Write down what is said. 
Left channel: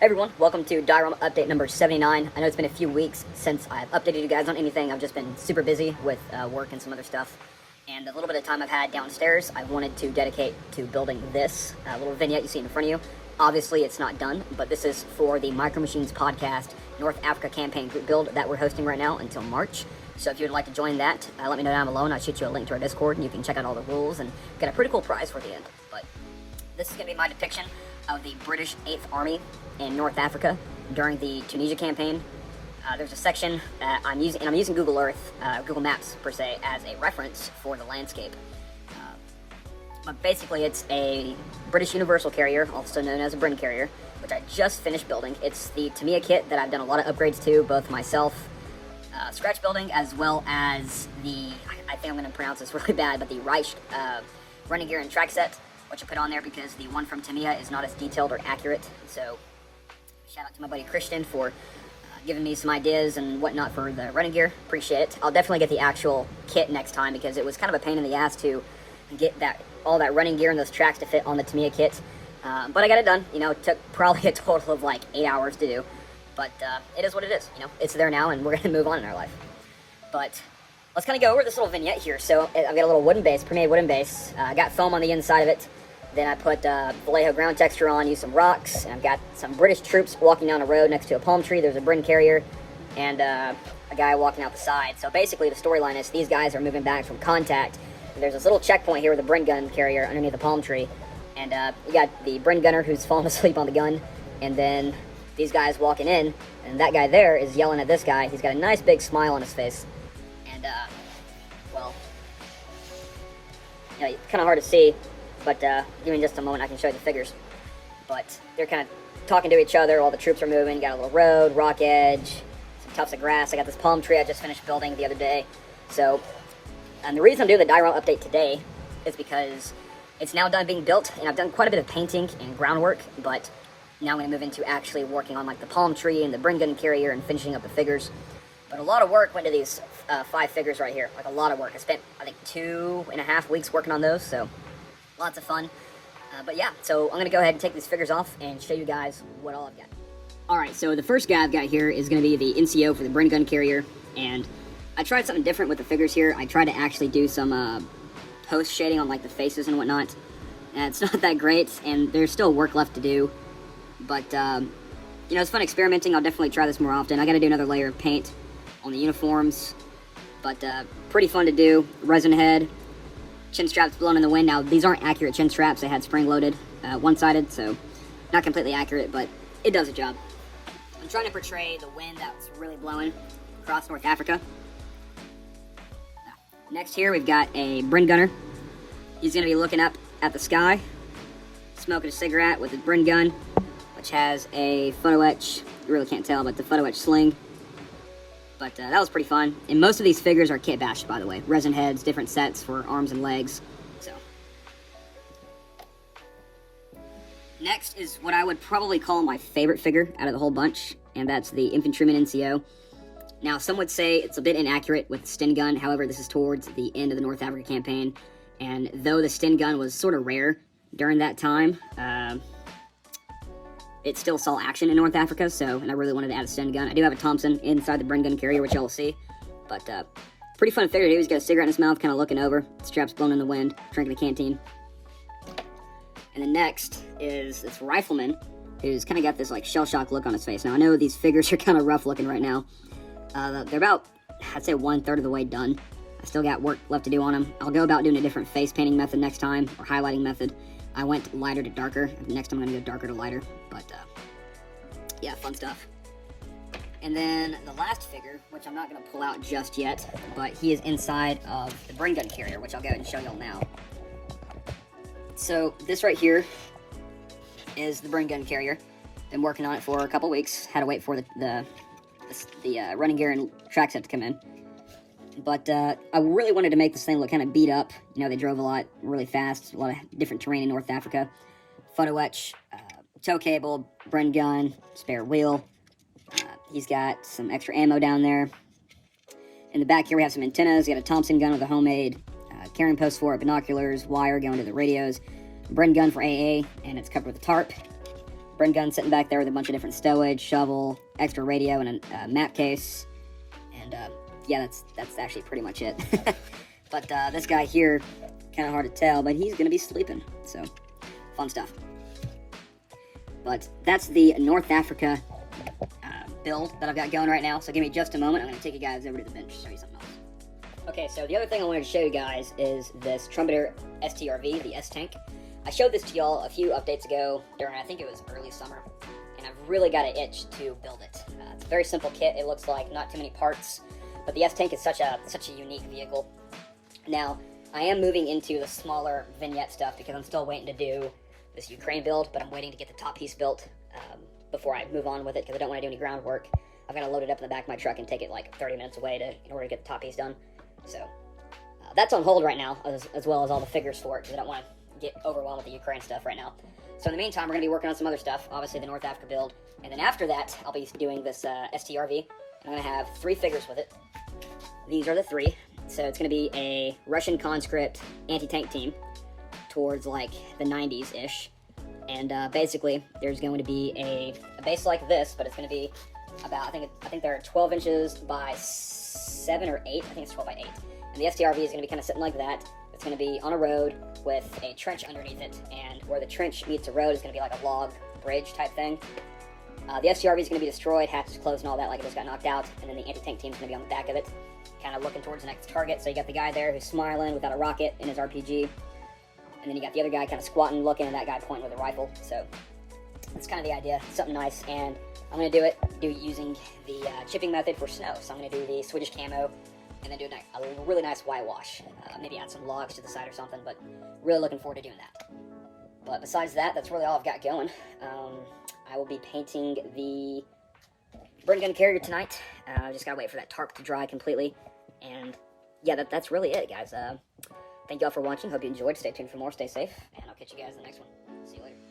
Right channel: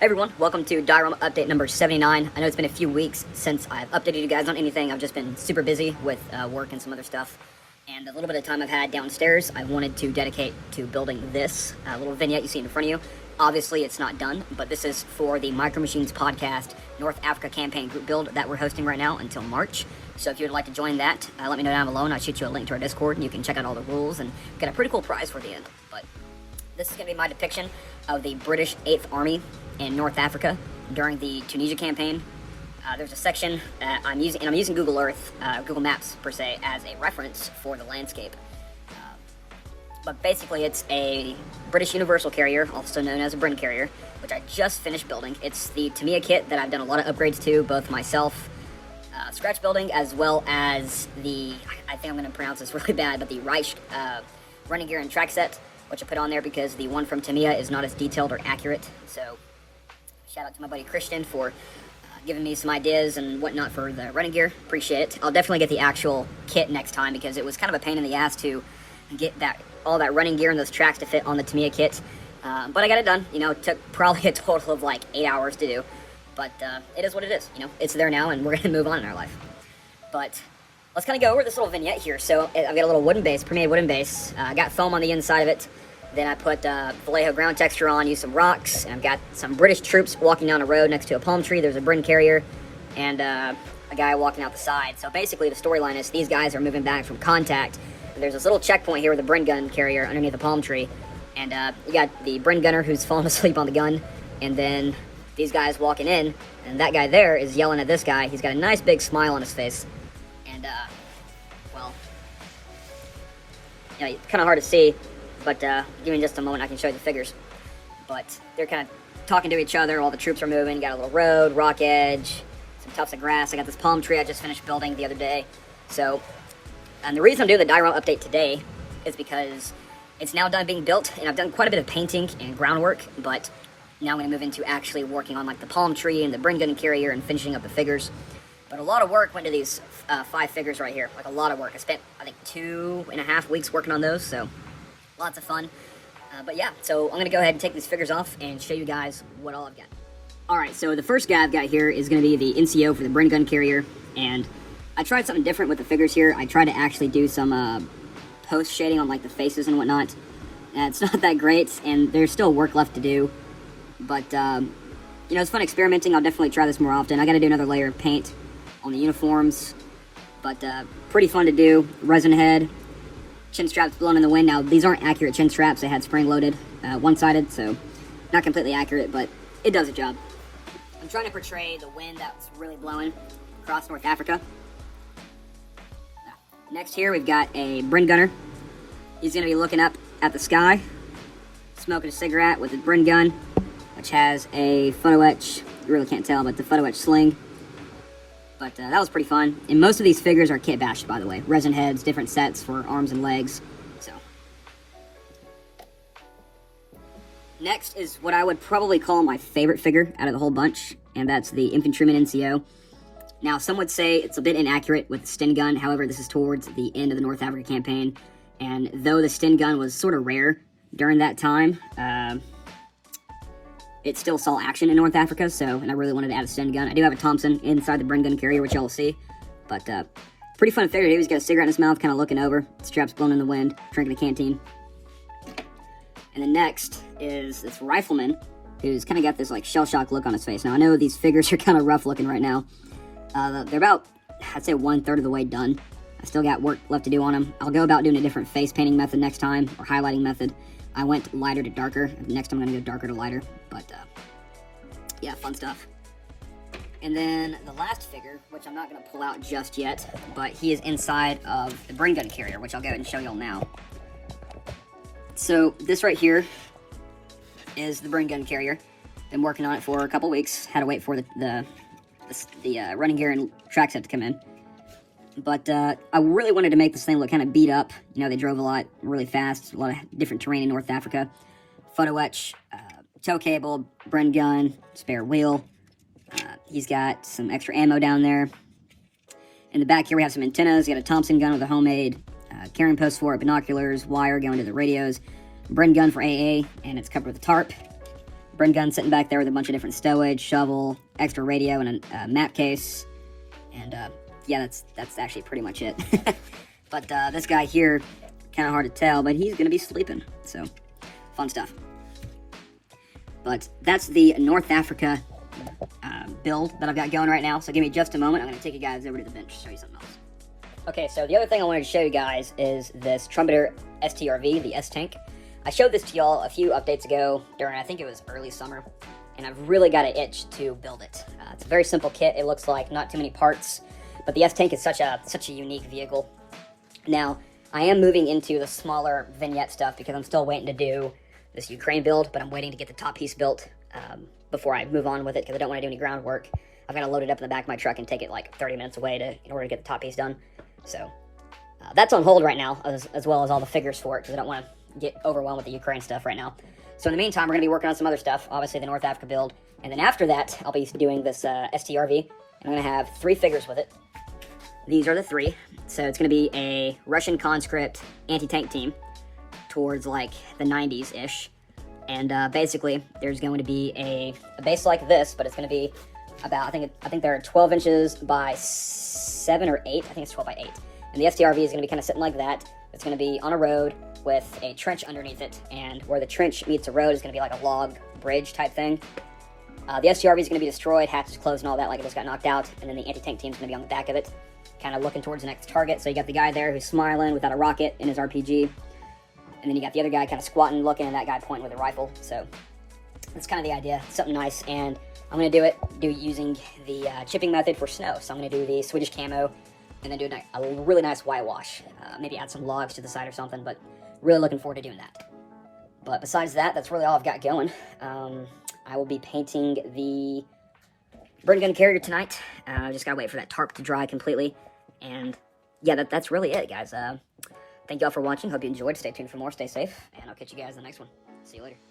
Hey everyone, welcome to Diorama update number 79. I know it's been a few weeks since I've updated you guys on anything. I've just been super busy with work and some other stuff. And a little bit of time I've had downstairs, I wanted to dedicate to building this little vignette you see in front of you. Obviously it's not done, but this is for the Micro Machines podcast North Africa campaign group build that we're hosting right now until March. So if you'd like to join that, let me know down below and I'll shoot you a link to our Discord and you can check out all the rules and get a pretty cool prize for the end. But this is going to be my depiction of the British 8th Army in North Africa during the Tunisia campaign. There's a section that I'm using Google Earth, Google Maps per se, as a reference for the landscape. But basically it's a British Universal Carrier, also known as a Brin Carrier, which I just finished building. It's the Tamiya kit that I've done a lot of upgrades to, both myself, scratch building, as well as the, I think I'm going to pronounce this really bad, but the Reich running gear and track set, which I put on there because the one from Tamiya is not as detailed or accurate. So shout out to my buddy Christian for giving me some ideas and whatnot for the running gear. Appreciate it. I'll definitely get the actual kit next time because it was kind of a pain in the ass to get all that running gear and those tracks to fit on the Tamiya kit. But I got it done. You know, it took probably a total of like 8 hours to do. But it is what it is. You know, it's there now and we're going to move on in our life. But let's kind of go over this little vignette here. So I've got a little wooden base, pre-made wooden base. I got foam on the inside of it. Then I put Vallejo ground texture on, used some rocks, and I've got some British troops walking down a road next to a palm tree. There's a Brin Carrier, and a guy walking out the side. So basically the storyline is these guys are moving back from contact. And there's this little checkpoint here with a Brin gun carrier underneath a palm tree. And we got the Brin gunner who's fallen asleep on the gun, and then these guys walking in, and that guy there is yelling at this guy. He's got a nice big smile on his face. And, well, yeah, it's kind of hard to see. But give me just a moment, I can show you the figures. But they're kind of talking to each other while the troops are moving. Got a little road, rock edge, some tufts of grass. I got this palm tree I just finished building the other day. So, and the reason I'm doing the diorama update today is because it's now done being built, and I've done quite a bit of painting and groundwork, but now I'm going to move into actually working on like the palm tree and the Brin gun carrier and finishing up the figures. But a lot of work went to these 5 figures right here, like a lot of work. I spent, I think, 2.5 weeks working on those, so lots of fun. But yeah, so I'm going to go ahead and take these figures off and show you guys what all I've got. Alright, so the first guy I've got here is going to be the NCO for the Brin gun carrier. And I tried something different with the figures here. I tried to actually do some post shading on like the faces and whatnot. It's not that great, and there's still work left to do. But, you know, it's fun experimenting. I'll definitely try this more often. I got to do another layer of paint on the uniforms. But pretty fun to do. Resin head. Chin straps blown in the wind. Now, these aren't accurate chin straps. They had spring-loaded, one-sided, so not completely accurate, but it does the job. I'm trying to portray the wind that's really blowing across North Africa. Next here, we've got a Brin gunner. He's going to be looking up at the sky, smoking a cigarette with his Brin gun, which has a photo etch. You really can't tell, but the photo etch sling. But that was pretty fun. And most of these figures are kit bashed, by the way. Resin heads, different sets for arms and legs. So next is what I would probably call my favorite figure out of the whole bunch, and that's the Infantryman NCO. Now, some would say it's a bit inaccurate with the Sten gun. However, this is towards the end of the North Africa campaign. And though the Sten gun was sort of rare during that time, it still saw action in North Africa, and I really wanted to add a Sten gun. I do have a Thompson inside the Brin gun carrier, which y'all will see. But pretty fun figure. He's got a cigarette in his mouth, kind of looking over. Straps blown in the wind, drinking a canteen. And then next is this Rifleman, who's kind of got this like shell-shock look on his face. Now, I know these figures are kind of rough looking right now. They're about, I'd say, 1/3 of the way done. I still got work left to do on them. I'll go about doing a different face painting method next time, or highlighting method. I went lighter to darker. Next time I'm going to go darker to lighter. But, yeah, fun stuff. And then the last figure, which I'm not going to pull out just yet, but he is inside of the Brin gun carrier, which I'll go ahead and show y'all now. So this right here is the Brin gun carrier. Been working on it for a couple weeks. Had to wait for the running gear and track set to come in. But I really wanted to make this thing look kind of beat up. You know, they drove a lot, really fast, a lot of different terrain in North Africa. Photo etch, tow cable, Brin gun, spare wheel. He's got some extra ammo down there. In the back here we have some antennas. Got a Thompson gun with a homemade carrying post for it, binoculars, wire going to the radios, Brin gun for AA, and it's covered with a tarp. burn gun sitting back there with a bunch of different stowage, shovel, extra radio, and a map case. And yeah, that's actually pretty much it. But this guy here, kind of hard to tell, but he's gonna be sleeping. So fun stuff. But that's the North Africa build that I've got going right now. So give me just a moment. I'm going to take you guys over to the bench to show you something else. Okay, so the other thing I wanted to show you guys is this Trumpeter STRV, the S-Tank. I showed this to y'all a few updates ago during, I think it was early summer, and I've really got an itch to build it. It's a very simple kit. It looks like not too many parts, but the S-Tank is such a unique vehicle. Now, I am moving into the smaller vignette stuff because I'm still waiting to do this Ukraine build, but I'm waiting to get the top piece built before I move on with it because I don't want to do any groundwork. I've got to load it up in the back of my truck and take it like 30 minutes away in order to get the top piece done. So that's on hold right now, as well as all the figures for it because I don't want to get overwhelmed with the Ukraine stuff right now. So in the meantime, we're going to be working on some other stuff, obviously the North Africa build, and then after that, I'll be doing this STRV. I'm going to have 3 figures with it. These are the 3. So it's going to be a Russian conscript anti-tank team towards like the 90s-ish. And basically, there's going to be a base like this, but it's going to be about, I think they're 12 inches by 7 or 8. I think it's 12 by 8. And the STRV is going to be kind of sitting like that. It's going to be on a road with a trench underneath it. And where the trench meets the road is going to be like a log bridge type thing. The STRV is going to be destroyed, hatches closed and all that, like it just got knocked out. And then the anti-tank team is going to be on the back of it, kind of looking towards the next target. So you got the guy there who's smiling without a rocket in his RPG. And then you got the other guy kind of squatting, looking, and that guy pointing with a rifle. So that's kind of the idea, something nice. And I'm going to do it using the chipping method for snow. So I'm going to do the Swedish camo and then do a really nice whitewash. Maybe add some logs to the side or something, but really looking forward to doing that. But besides that, that's really all I've got going. I will be painting the burn gun carrier tonight. I just got to wait for that tarp to dry completely. And yeah, that's really it, guys. Thank you all for watching. Hope you enjoyed. Stay tuned for more. Stay safe. And I'll catch you guys in the next one. See you later.